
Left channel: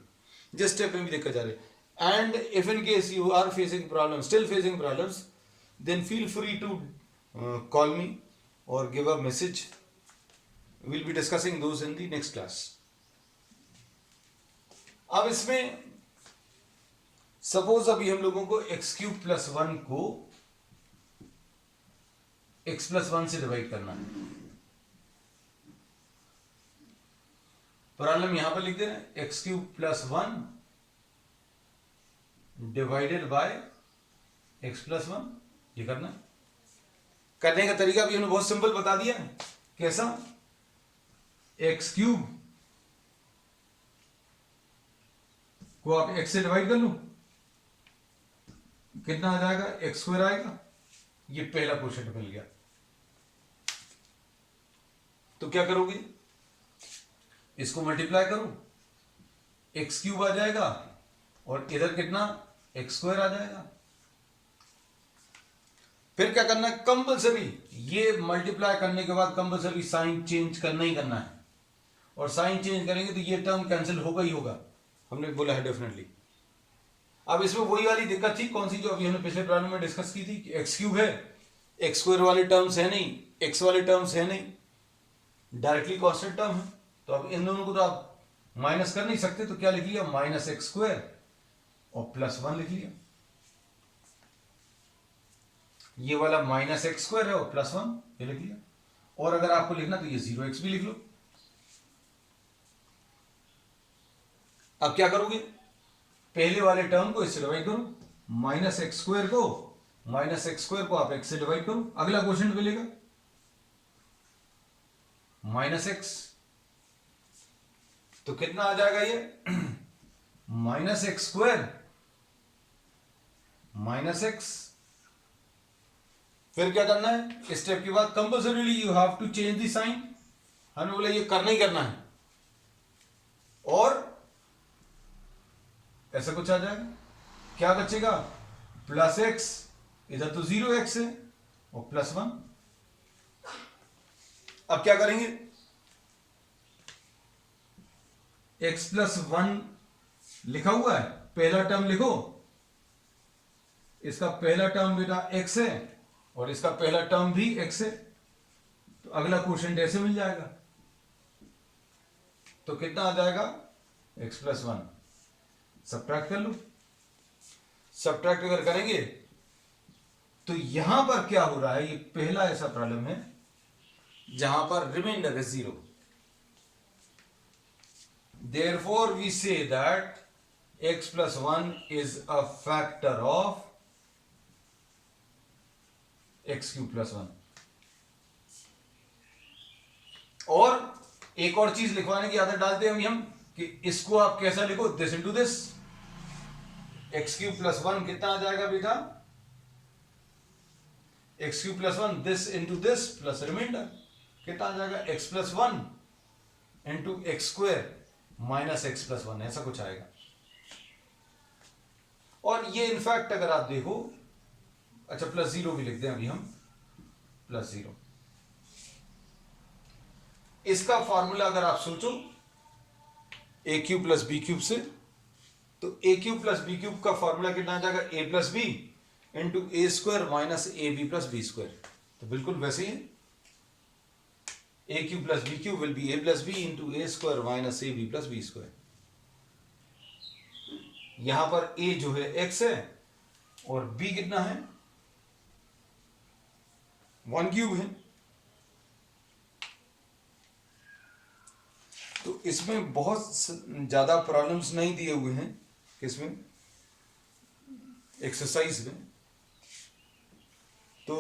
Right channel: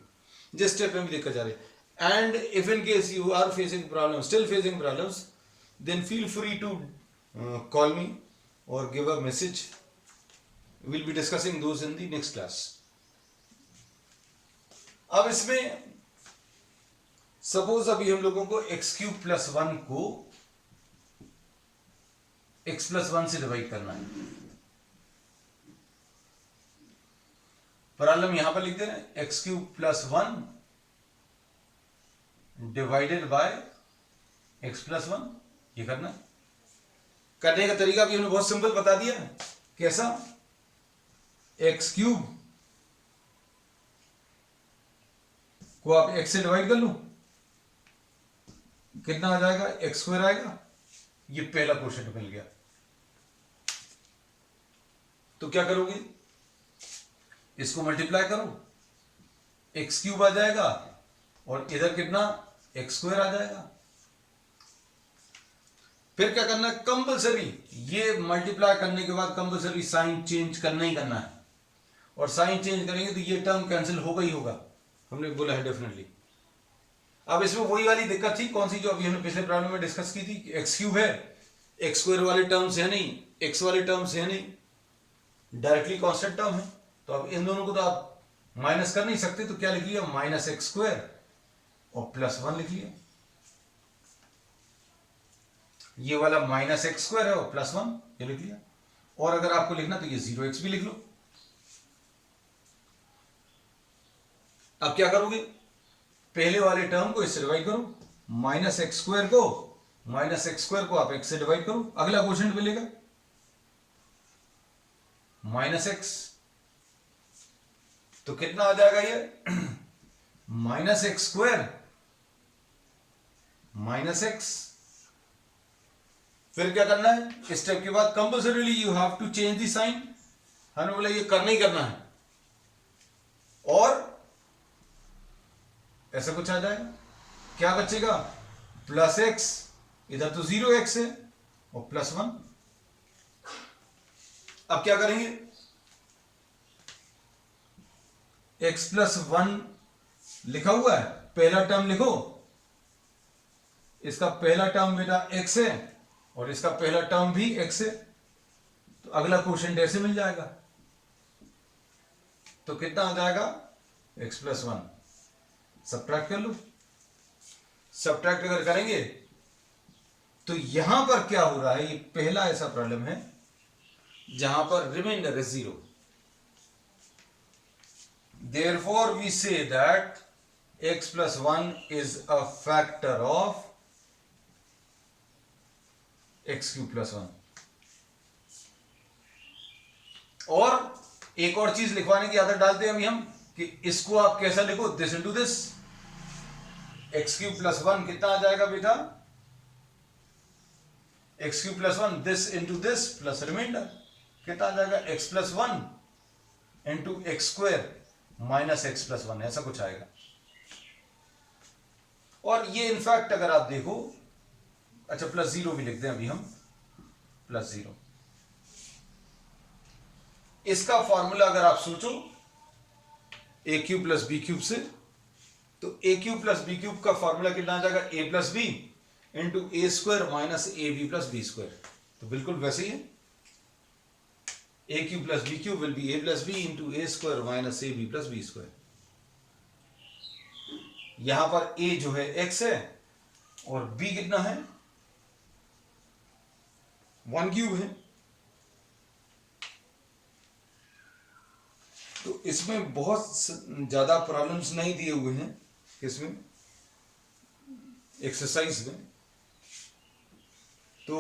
जिस step में भी देखा जा रहे हैं. And if in case you are facing problems, still facing problems, then feel free to call me or give a message. We'll be discussing those in the next class. अब इसमें suppose अभी हम लोगों को x क्यूब प्लस 1 को x plus 1 से divide करना है. प्रॉब्लम यहां पर लिख दे रहे हैं x cube plus 1 divided by x plus 1. ये करना है. करने का तरीका भी हमने बहुत सिंपल बता दिया. कैसा? एक्स क्यूब को आप एक्स से डिवाइड कर लो, कितना आ जाएगा? एक्स स्क्वायर आएगा. ये पहला क्वेश्चन मिल गया. तो क्या करोगे? इसको मल्टीप्लाई करो, एक्स क्यूब आ जाएगा और इधर कितना? एक्स स्क्वायर आ जाएगा. फिर क्या करना है? कंपल्सरी ये मल्टीप्लाई करने के बाद कंपल्सरी साइन चेंज करना ही करना है. और साइन चेंज करेंगे तो ये टर्म कैंसिल होगा ही होगा. हमने बोला है डेफिनेटली. अब इसमें वही वाली दिक्कत थी कौन सी जो अभी हमने पिछले प्रॉब्लम में डिस्कस की थी. एक्स क्यूब है, एक्स स्क्वायर वाले टर्म्स है नहीं, एक्स वाले टर्म्स है नहीं, डायरेक्टली कांस्टेंट टर्म है. तो अब इन दोनों को तो आप माइनस कर नहीं सकते. तो क्या लिख लिया? माइनस एक्स स्क्वायर और प्लस 1 लिख लिया. ये वाला माइनस एक्स स्क्वायर है और प्लस 1 ये लिख लिया. और अगर आपको लिखना तो ये 0x भी लिख लो. अब क्या करोगे? पहले वाले टर्म को इससे डिवाइड करो. माइनस एक्स स्क्वायर को आप एक्स से डिवाइड करो. अगला क्वेश्चन मिलेगा माइनस एक्स. तो कितना आ जाएगा ये? Minus x square minus x. फिर क्या करना है? इस स्टेप के बाद compulsorily you have to change the sign. हमने बोला ये करना ही करना है. और ऐसा कुछ आ जाएगा. क्या बचेगा? Plus x. इधर तो 0x है और प्लस 1. अब क्या करेंगे? x प्लस 1 लिखा हुआ है, पहला टर्म लिखो. इसका पहला टर्म बेटा x है और इसका पहला टर्म भी x है. तो अगला क्वेश्चन ऐसे मिल जाएगा. तो कितना आ जाएगा? x plus 1. सब्ट्रैक्ट कर लो. सब्ट्रैक्ट अगर करेंगे तो यहां पर क्या हो रहा है? ये पहला ऐसा प्रॉब्लम है जहां पर रिमाइंडर है 0. Therefore we say that x plus 1 is a factor of x cube plus 1. और एक और चीज लिखवाने की आदत डालते हैं हम कि इसको आप कैसा लिखो? This into this. X cube plus 1 कितना आ जाएगा बेटा? X cube plus 1 this into this plus remainder कितना आ जाएगा? X plus 1 into x square minus x plus 1. ऐसा कुछ आएगा. और ये इनफैक्ट अगर आप देखो, अच्छा प्लस 0 भी लिखते हैं अभी हम. प्लस 0 इसका फॉर्मूला अगर आप सोचो A cube plus B cube से, तो A cube plus B cube का फॉर्मूला कितना आ जाएगा? A plus B into A square minus A B plus B square. तो बिल्कुल वैसे ही है. a cube plus b cube will be a plus b into a square minus a b plus b square. यहां पर a जो है x है और b कितना है? 1 क्यूब है. तो इसमें बहुत ज्यादा प्रॉब्लम्स नहीं दिए हुए हैं इसमें एक्सरसाइज में. तो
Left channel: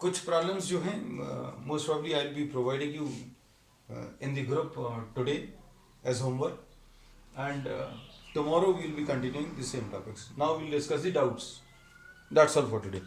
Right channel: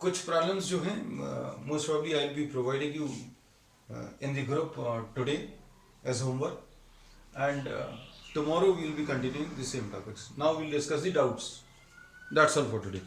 कुछ प्रॉब्लम्स जो हैं most probably I will be providing you in the group today as homework, and tomorrow we will be continuing the same topics. Now we will discuss the doubts. That's all for today.